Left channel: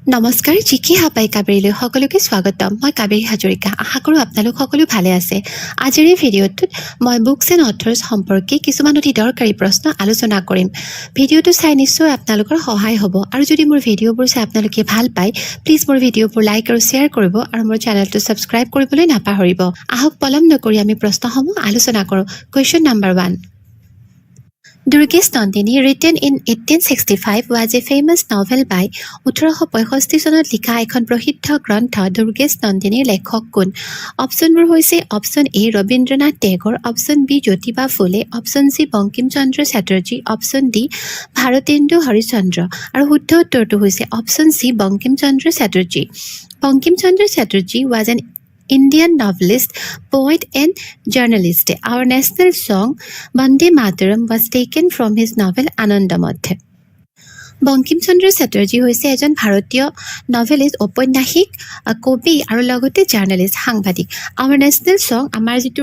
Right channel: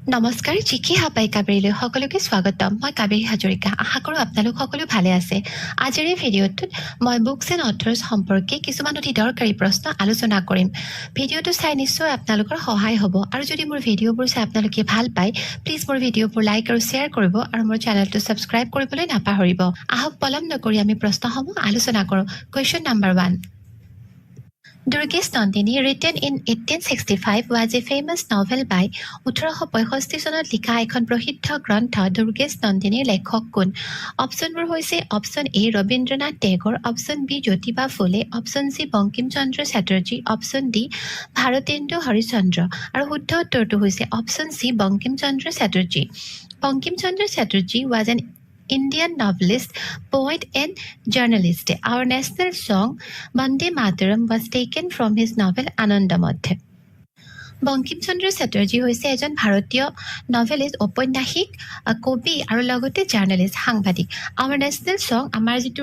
নমস্কাৰ জিকে হাপাই কাবেৰীলৈ সকলোকে স্বাগতম মই কাবেৰী হাজৰিকা আশা কৰোঁ আপোনালোক সকলো ভালে আছে আজিৰ এই ভিডিঅ'টোত মই বুকছ এণ্ড অথৰ্ছ সম্পৰ্কে কিছুমান অতি দৰকাৰী প্ৰশ্ন আলোচনা কৰিম ভিডিঅ'টো চাই নিশ্চয় আপোনালোকৰ সহায় হ'ব আৰু যদি মোৰ ভিডিঅ'বোৰ চাই আপোনালোকে ভাল পায় প্লিজ মোৰ ভিডিঅ'বোৰ লাইক আৰু শ্বেয়াৰ কৰিব আৰু মোৰ চেনেলটো ছাবস্ক্ৰাইব কৰিবলৈ নাপাহৰিব আহক পলম নকৰি আমি প্ৰশ্নসমূহ আলোচনা কৰোঁ question number 1 Durgesh Nandini, written in 1865, was a famous novel by 1865 চনত লিখা এখন প্ৰসিদ্ধ গ্ৰন্থ দুৰ্গেশ নন্দিনীৰ লেখক কোন অপশ্যনবোৰ হৈছে option A Rabindranath Tagore option B Jyotiba Phule option C Bankim Chandra Chatterjee option D Bharatendu Harishchandra আৰু শুদ্ধ উত্তৰটো হৈছে option C Bankim Chandra Chatterjee Bankim Chandra Chatterjee was an Indian novelist, poet and journalist. Our national song, Vande Mataram, was taken from his novel Anandamodh. Bankim Chandra Chatterjee হৈছে এজন ভাৰতীয় নভেলিষ্ট ঔপন্যাসিক কবি আৰু লগতে জাৰ্নেলিষ্ট সাংবাদিক আমাৰ নেশ্যনেল সং আমাৰ যিটো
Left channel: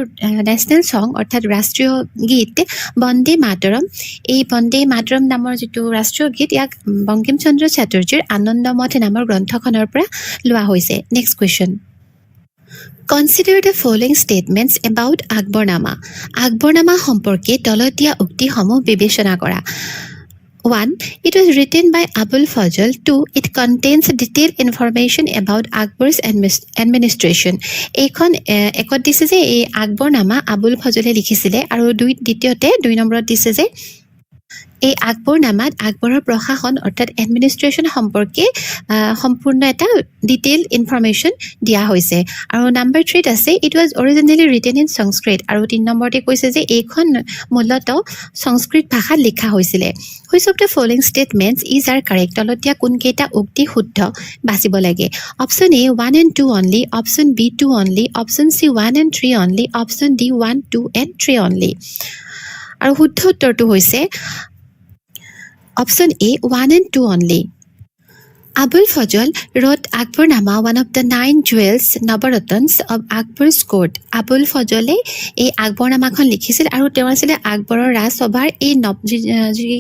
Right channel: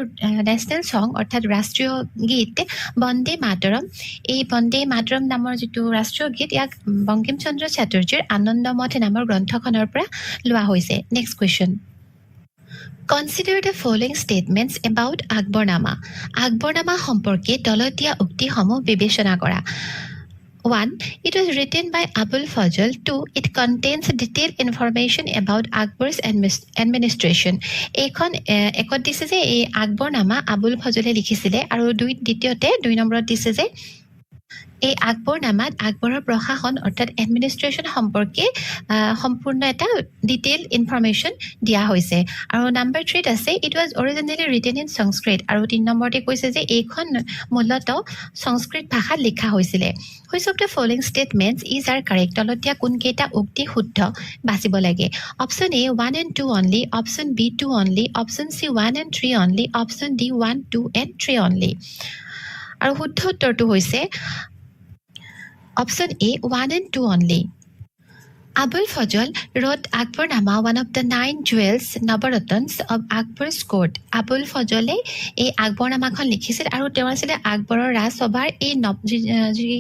নেশ্যনেল সং অৰ্থাৎ ৰাষ্ট্ৰীয় গীত বন্দে মাতৰম এই বন্দে মাতৰম নামৰ যিটো ৰাষ্ট্ৰীয় গীত ইয়াক বংকিম চন্দ্ৰ চেটাৰ্জীৰ আনন্দমঠ নামৰ গ্ৰন্থখনৰ পৰা লোৱা হৈছে next question Consider the following statements about Akbarnama. Akbarnama সম্পৰ্কে তলত দিয়া উক্তিসমূহ বিবেচনা কৰা 1. It was written by Abul Fazl. 2. It contains detailed information about Akbar's administration. এইখন একত দিছে যে এই আকবৰনামা আবুল ফজলে লিখিছিলে আৰু দ্বিতীয়তে 2 নম্বৰত দিছে যে এই আকবৰনামাত আকবৰৰ প্ৰশাসন অৰ্থাৎ এডমিনিষ্ট্ৰেশ্যন সম্পৰ্কে সম্পূৰ্ণ এটা ডিটেইল ইনফৰমেশ্যন দিয়া হৈছে আৰু নাম্বাৰ 3 আছে it was originally written in Sanskrit আৰু 3 নম্বৰতে কৈছে যে এইখন মূলতঃ সংস্কৃত ভাষাত লিখা হৈছিলে which of the following statements is are correct তলতীয়া কোনকেইটা উক্তি শুদ্ধ বাছিব লাগে option A 1 and 2 only option B 2 only option C 1 and 3 only option D 1 2 and 3 only আৰু শুদ্ধ উত্তৰটো হৈছে Option A, 1 and 2 only. Abul Fazl wrote Akbarnama, one of the 9 jewels, Nabaratans of Akbar's court. Abul Fazle এই আকবৰনামাখন লিখিছিল আৰু তেওঁ আছিলে আকবৰৰ ৰাজসভাৰ এই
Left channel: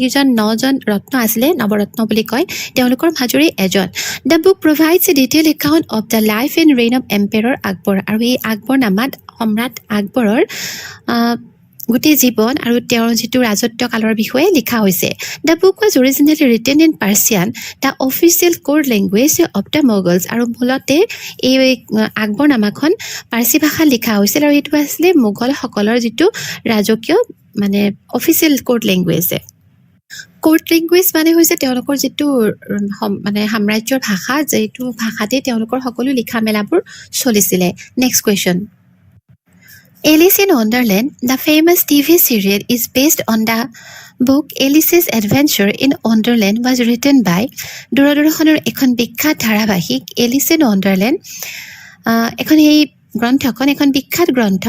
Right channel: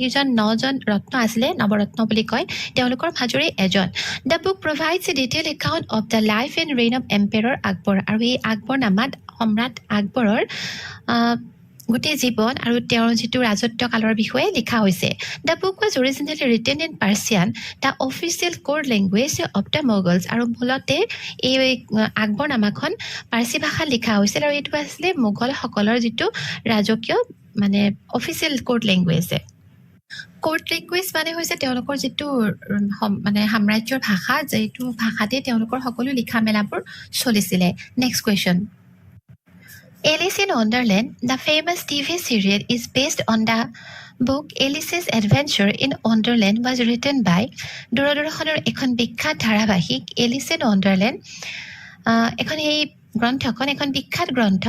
যিজন 9জন ৰত্ন আছিলে নৱৰত্ন বুলি কয় তেওঁলোকৰ মাজৰে এজন The book provides a detailed account of the life and reign of Emperor Akbar আৰু এই আকবৰনামাত সম্ৰাট আকবৰৰ গোটেই জীৱন আৰু তেওঁৰ যিটো ৰাজত্ব কালৰ বিষয়ে লিখা হৈছে The book was originally written in Persian, the official core language of the Mughals আৰু মূলতে এই আকবৰনামাখন পাৰ্চী ভাষাত লিখা হৈছিল আৰু এইটো আছিল মোগল সকলৰ যিটো ৰাজকীয় মানে official code language code language মানে হৈছে তেওঁলোকৰ যিটো মানে সাম্ৰাজ্যৰ ভাষা যিটো ভাষাতে তেওঁলোকৰ সকলো লিখা মেলাবোৰ চলিছিলে next question Alice in Wonderland, the famous TV serial, is based on the book Alice's Adventure in Wonderland was written by দূৰদৰ্শনৰ এখন বিখ্যাত ধাৰাবাহিক Alice in Wonderland এখন এই গ্ৰন্থখন এখন বিখ্যাত গ্ৰন্থ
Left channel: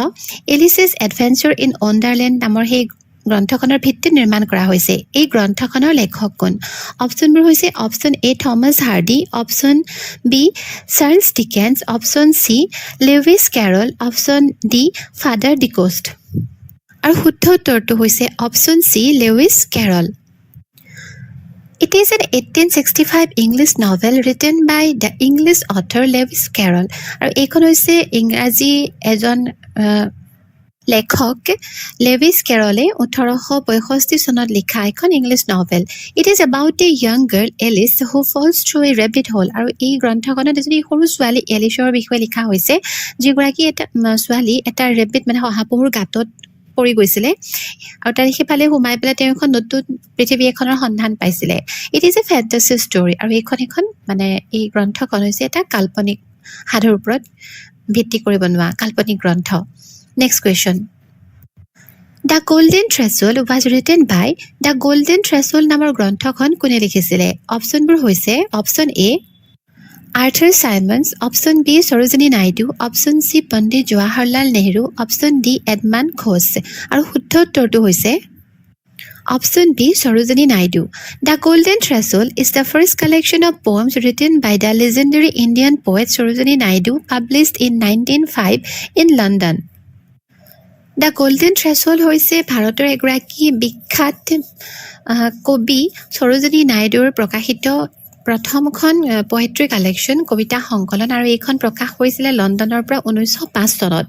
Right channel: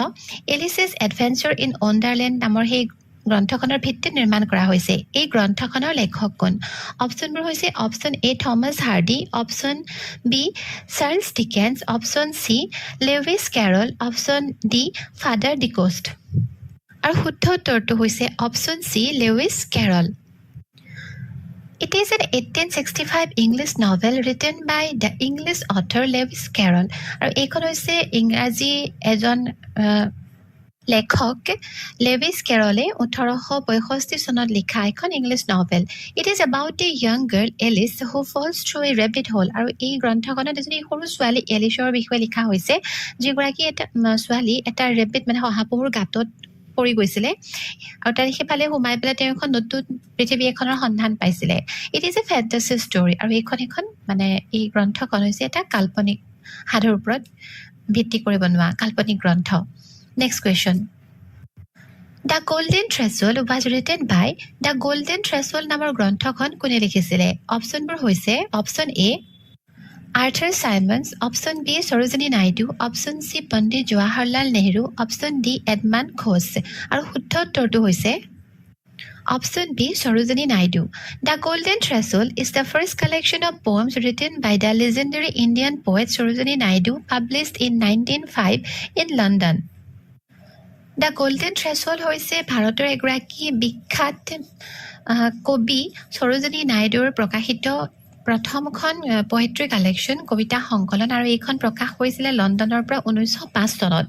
Alice's Adventure in Wonderland নামৰ সেই গ্ৰন্থখনৰ ভিত্তিত নিৰ্মাণ কৰা হৈছে এই গ্ৰন্থখনৰ লেখক কোন অপশ্যনবোৰ হৈছে option A Thomas Hardy option B Charles Dickens option C Lewis Carroll option D father Decoste আৰু শুদ্ধ উত্তৰটো হৈছে option C Lewis Carroll It is an 1865 English novel written by the English author Lewis Carroll আৰু এইখন হৈছে ইংৰাজী এজন লেখক লেভিছ কেৰলে 1865 চনত লিখা এখন English novel it is about a young girl Alice who falls through a rabbit hole আৰু এই গ্ৰন্থখনত এজনী সৰু ছোৱালী এলিছৰ বিষয়ে লিখা হৈছে যিগৰাকী এটা ছোৱালী এটা ৰেবিট মানে শহাপহুৰ গাঁতত পৰি গৈছিলে আৰু তাৰ সিফালে সোমাই পেলাই তেওঁ এখন নতুন পৃথিৱী এখনৰ সন্ধান পাইছিলে ইট ইজ এ ফেণ্টাসি ষ্টৰী আৰু এইখন মানে এই গ্ৰন্থখন হৈছে এটা কাল্পনিক সাধুৰ ওপৰত ভিত্তি কৰি বনোৱা কাল্পনিক গ্ৰন্থ Next question. The Golden Threshold was written by The Golden Threshold নামৰ গ্ৰন্থখন কোনে লিখিছিলে অপশ্যনবোৰ হৈছে option A Arthur Symons option B Sarojini Naidu option C Pandit Jawaharlal Nehru option D Edmund Gosse আৰু শুদ্ধ উত্তৰটো হৈছে Option B, Sarojini Naidu. The Golden Threshold is the first collection of poems written by the legendary Indian poet Sarojini Naidu, published in 1905 in London. The Golden Threshold হৈছে ভাৰতৰ এগৰাকী বিখ্যাত কবি সৰোজিনী নাইডুৰ প্ৰকাশিত প্ৰথমখন পোয়েট্ৰি কালেকশ্যন কবিতা সংকলন আৰু এইখন প্ৰকাশ কৰিছিলে লণ্ডনৰ পৰা 1905 চনত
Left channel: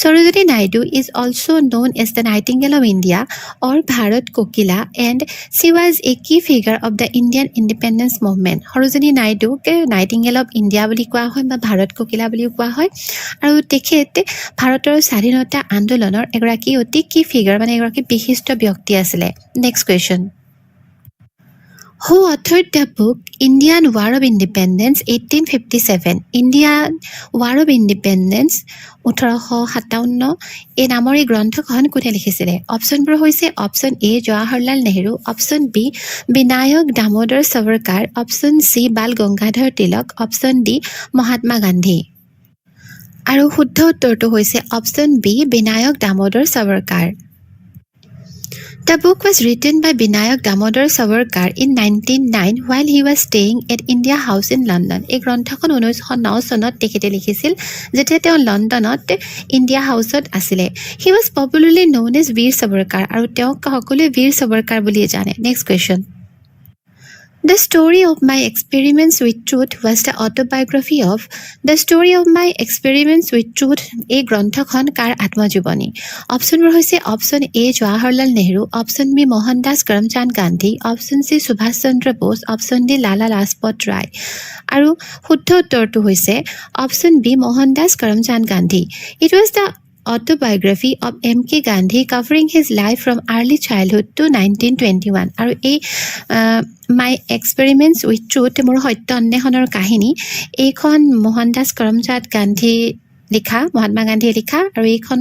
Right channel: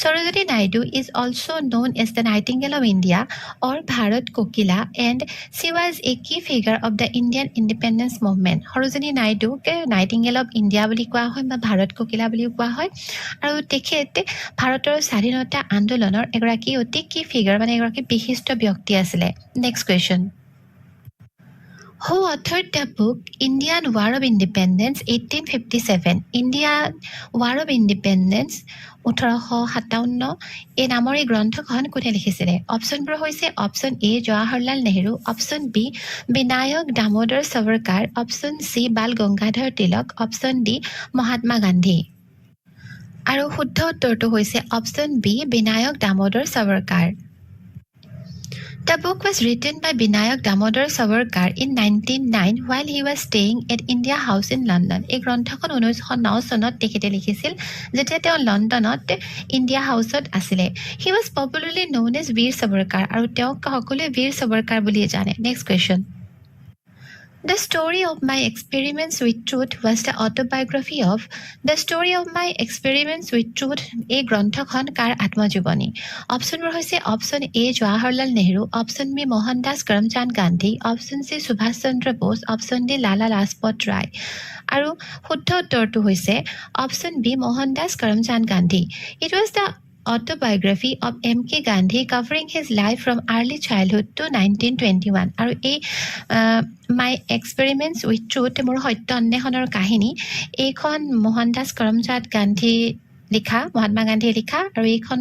Sarojini Naidu is also known as the Nightingale of India or Bharat Kokila and she was a key figure of the Indian independence movement Sarojini নাইডুকে নাইটিংগেল অফ ইণ্ডিয়া বুলি কোৱা হয় বা ভাৰত কোকিলা বুলিও কোৱা হয় আৰু তেখেত ভাৰতৰ স্বাধীনতা আন্দোলনৰ এগৰাকী অতি কি ফিগাৰ মানে এগৰাকী বিশিষ্ট ব্যক্তি আছিলে next question Who authored the book Indian War of Independence 1857? Indian War of Independence 1857 এই নামৰ এই গ্ৰন্থখন কোনে লিখিছিলে অপচনবোৰ হৈছে option A Jawaharlal Nehru option B Vinayak Damodar Savarkar option C Bal Gangadhar Tilak option D Mahatma Gandhi আৰু শুদ্ধ উত্তৰটো হৈছে option B Vinayak Damodar Savarkar The book was written by Binayak Damodar Savarkar in 1909 while he was staying at India House in London. এই গ্ৰন্থখন 1909 চনত তেখেতে লিখিছিল যেতিয়া তেওঁ লণ্ডনত ইণ্ডিয়া হাউচত আছিলে He was popularly known as Veer Savarkar আৰু তেওঁক সকলোৱে বীৰ সাভাৰকাৰ বুলি জানে next question The story of my experiments with truth was the autobiography of The story of my experiments with truth এই গ্ৰন্থখন কাৰ আত্মজীৱনী অপচনবোৰ হৈছে option A Jawaharlal Nehru option B Mohandas Karamchand Gandhi option C Subhas Chandra Bose option D Lala Lajpat Rai আৰু শুদ্ধ উত্তৰটো হৈছে option B Mohandas Karamchand Gandhi It was the autobiography of M.K. Gandhi covering his life from early childhood to 1921 আৰু এই My Experiments with Truth মোৰ সত্য অন্বেষণৰ কাহিনী এইখন মোহনদাস কৰমচান্দ গান্ধী লিখা মহাত্মা গান্ধীয়ে লিখা আৰু এইখন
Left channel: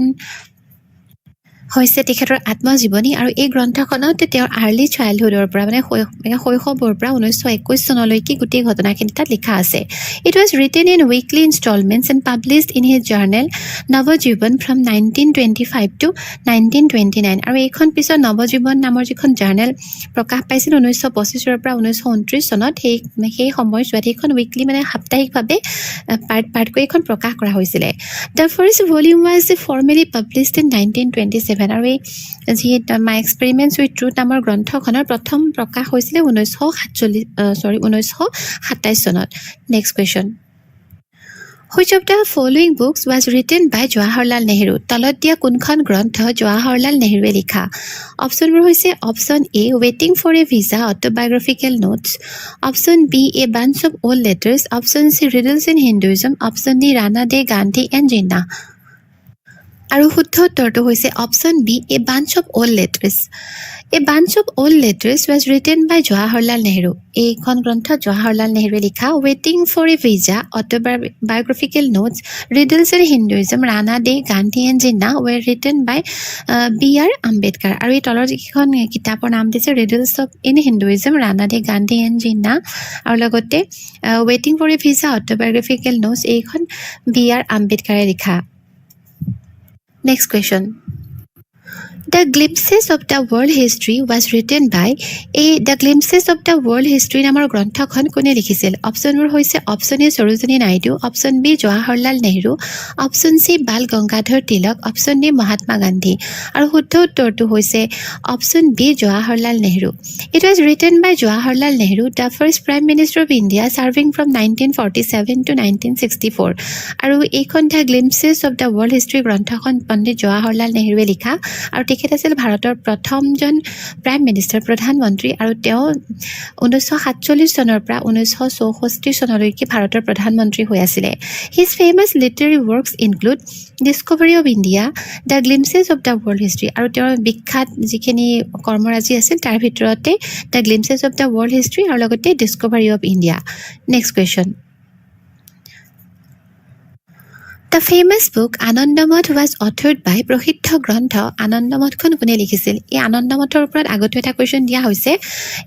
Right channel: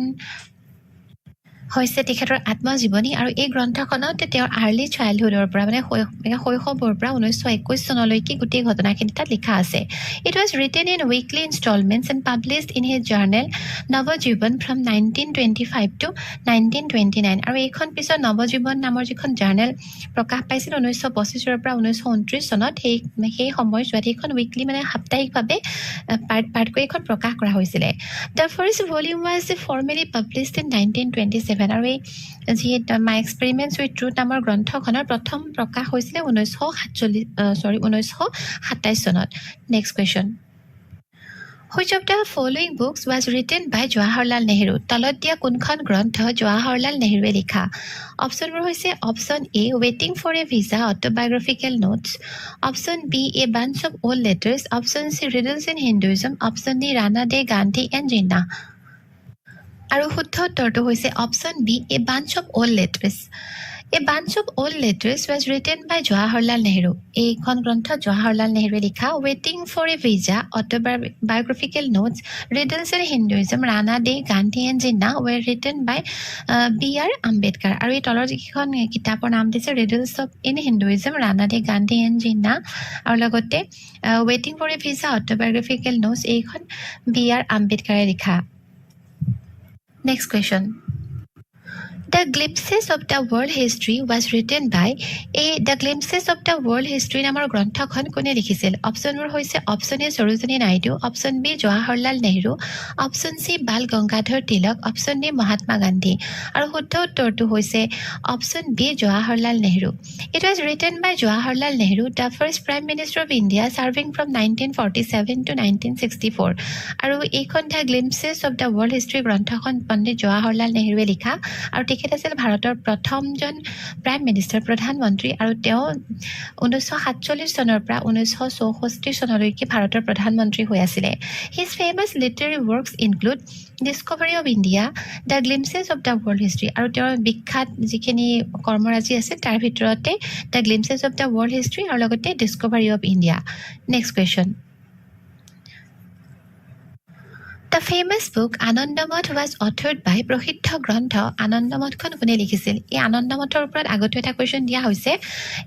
হৈছে তেখেতৰ আত্মজীৱনী আৰু এই গ্ৰন্থখনত তেওঁৰ আৰ্লি চাইল্ডহুডৰ পৰা মানে শৈশৱৰ পৰা 1921 চনলৈকে গোটেই ঘটনাখিনি তাত লিখা আছে It was written in weekly installments and published in his journal Navajivan from 1925 to 1929 আৰু এইখন পিছত নৱজীৱন নামৰ যিখন জাৰ্নেল প্ৰকাশ পাইছিল 1925 পৰা 1929 চনত সেই সময়ছোৱাত এইখন উইকলি মানে সাপ্তাহিকভাৱে পাৰ্টকৈ এইখন প্ৰকাশ কৰা হৈছিলে The first volume was formally published in 1927 আৰু এই যি মাই এক্সপেৰিমেণ্টছ উইথ ট্ৰুথ নামৰ গ্ৰন্থখনৰ প্ৰথম প্ৰকাশ হৈছিলে 1927 চনত next question Which of the following books was written by Jawaharlal Nehru? তলত দিয়া কোনখন গ্ৰন্থ জৱাহৰলাল নেহৰুৱে লিখা অপচনবোৰ হৈছে অপচন এ ৱেটিং for a visa autobiographical notes option B a bunch of old letters option C riddles in Hinduism option D Ranade Gandhi and Jinnah আৰু শুদ্ধ উত্তৰটো হৈছে option B a bunch of old letters A bunch of old letters was written by Jawaharlal Nehru. এইখন গ্ৰন্থ জৱাহৰলাল নেহৰুৱে লিখা Waiting for a Visa, Autobiographical Notes, Riddles in Hinduism, Rana Day, Gandhi and Jinnah were written by B.R. Ambedkar. আৰু এই তলৰ যিখন কিতাপৰ নাম দিছে Riddles in Hinduism, Rana Day, Gandhi and Jinnah আৰু লগতে Waiting for a Visa, Autobiographical Notes এইখন B.R. Ambedkare লিখা Next question. The Glimpses of the World History was written by The Glimpses of the World History নামৰ গ্ৰন্থখন কোনে লিখিছিল অপচনবোৰ হৈছে option A Sarojini Naidu option B Jawaharlal Nehru option C Bal Gangadhar Tilak option D Mahatma Gandhi আৰু শুদ্ধ উত্তৰটো হৈছে option B Jawaharlal Nehru It was written by Jawaharlal Nehru, the first Prime Minister of India serving from 1947 to 1964 আৰু এইখন The Glimpses of the World History গ্ৰন্থখন পণ্ডিত জৱাহৰলাল নেহৰুৱে লিখা আৰু তেখেত আছিল ভাৰতৰ প্ৰথমজন প্ৰাইম মিনিষ্টাৰ প্ৰধানমন্ত্ৰী আৰু তেওঁ 1947 চনৰ পৰা 1964 চনলৈকে ভাৰতৰ প্ৰধানমন্ত্ৰী হৈ আছিলে His famous literary works include Discovery of India, The Glimpses of the World History আৰু তেওঁৰ বিখ্যাত যিখিনি কৰ্মৰাজি আছিল তাৰ ভিতৰতে The Glimpses of the World History আৰু লগতে Discovery of India Next question The famous book Anandamath was authored by প্ৰসিদ্ধ গ্ৰন্থ আনন্দমঠখন কোনে লিখিছিল এই আনন্দমঠৰ ওপৰত আগতে এটা কোৱেশ্চন দিয়া হৈছে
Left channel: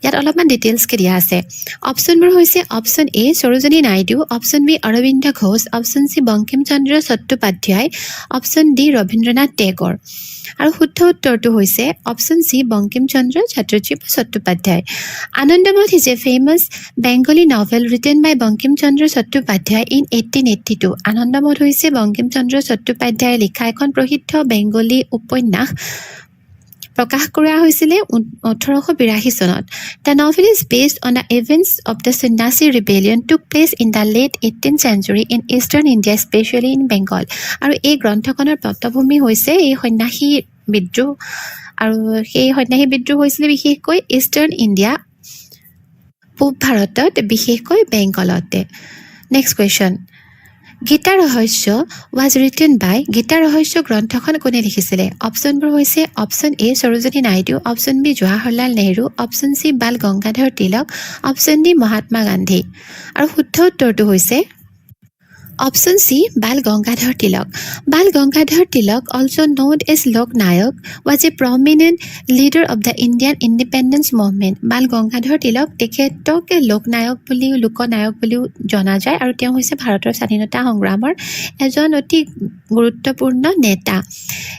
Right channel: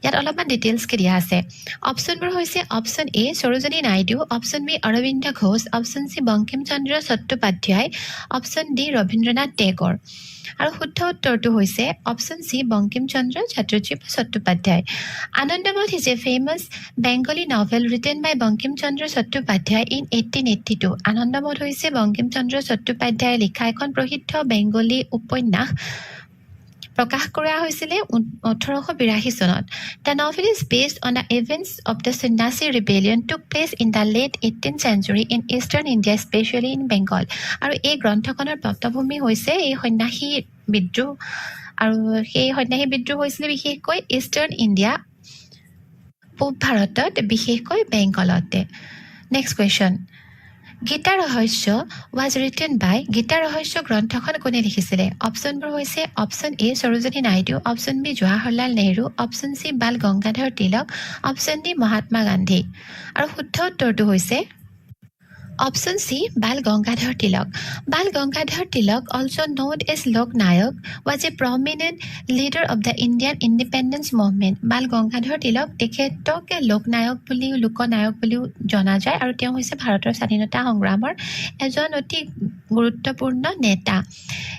ইয়াত অলপমান ডিটেইলছকে দিয়া আছে অপচনবোৰ হৈছে option A Sarojini Naidu option B Aurobindo Ghosh option C Bankim Chandra Chattopadhyay option D Rabindranath Tagore আৰু শুদ্ধ উত্তৰটো হৈছে option C Bankim Chandra Chattopadhyay Anandamath is a famous Bengali novel written by Bankim Chandra Chattopadhyay in 1882 Anandamath হৈছে বংকিম চন্দ্ৰ চট্টোপাধ্যায়ে লিখা এখন প্ৰসিদ্ধ বেংগলী উপন্যাস প্ৰকাশ কৰা হৈছিলে 1882 চনত The novel is based on the events of the Sannyasin rebellion took place in the late 18th century in eastern India, especially in Bengal. আৰু এই গ্ৰন্থখনৰ পটভূমি হৈছে এই সন্ন্যাসী বিদ্ৰোহ আৰু সেই সন্ন্যাসী বিদ্ৰোহ হৈছিলে বিশেষকৈ ইষ্টাৰ্ণ ইণ্ডিয়া পূব ভাৰতত বিশেষকৈ বেংগলতে নেক্সট কুৱেশ্যন গীতা ৰহস্য was written by গীতা ৰহস্য গ্ৰন্থখন কোনে লিখিছিলে অপশ্যনবোৰ হৈছে option A Sarojini Naidu option B Jawaharlal Nehru option C Bal Gangadhar Tilak option D Mahatma Gandhi আৰু শুদ্ধ উত্তৰটো হৈছে Option C, Bal Gangadhar Tilak. Bal Gangadhar Tilak, also known as Lok Nayak, was a prominent leader of the Indian independence movement. Bal Gangadhar Tilak তেখেতক লোক নায়ক বুলি লোকনায়ক বুলিও জনা যায় আৰু তেওঁ হৈছে ভাৰতৰ স্বাধীনতা সংগ্ৰামৰ এজন অতি গুৰুত্বপূৰ্ণ নেতা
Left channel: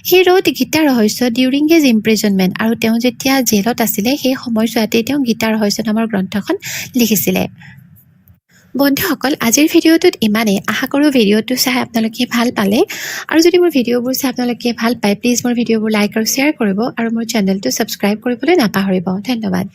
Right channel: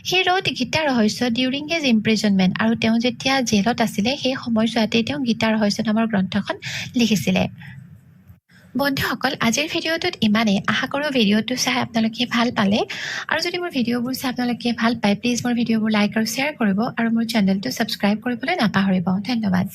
He wrote গীতা ৰহস্য during his imprisonment আৰু তেওঁ যেতিয়া জেলত আছিলে সেই সময়ছোৱাতে তেওঁ গীতা ৰহস্য নামৰ গ্ৰন্থখন লিখিছিলে বন্ধুসকল আজিৰ ভিডিঅ'টোত ইমানে আশা কৰো ভিডিঅ'টো চাই আপোনালোকে ভাল পালে আৰু যদি মোৰ ভিডিঅ'বোৰ চাই আপোনালোকে ভাল পায় প্লিজ মোৰ ভিডিঅ'বোৰ লাইক আৰু শ্বেয়াৰ কৰিব আৰু মোৰ চেনেলটো সাবস্ক্ৰাইব কৰিবলৈ নাপাহৰিব ধন্যবাদ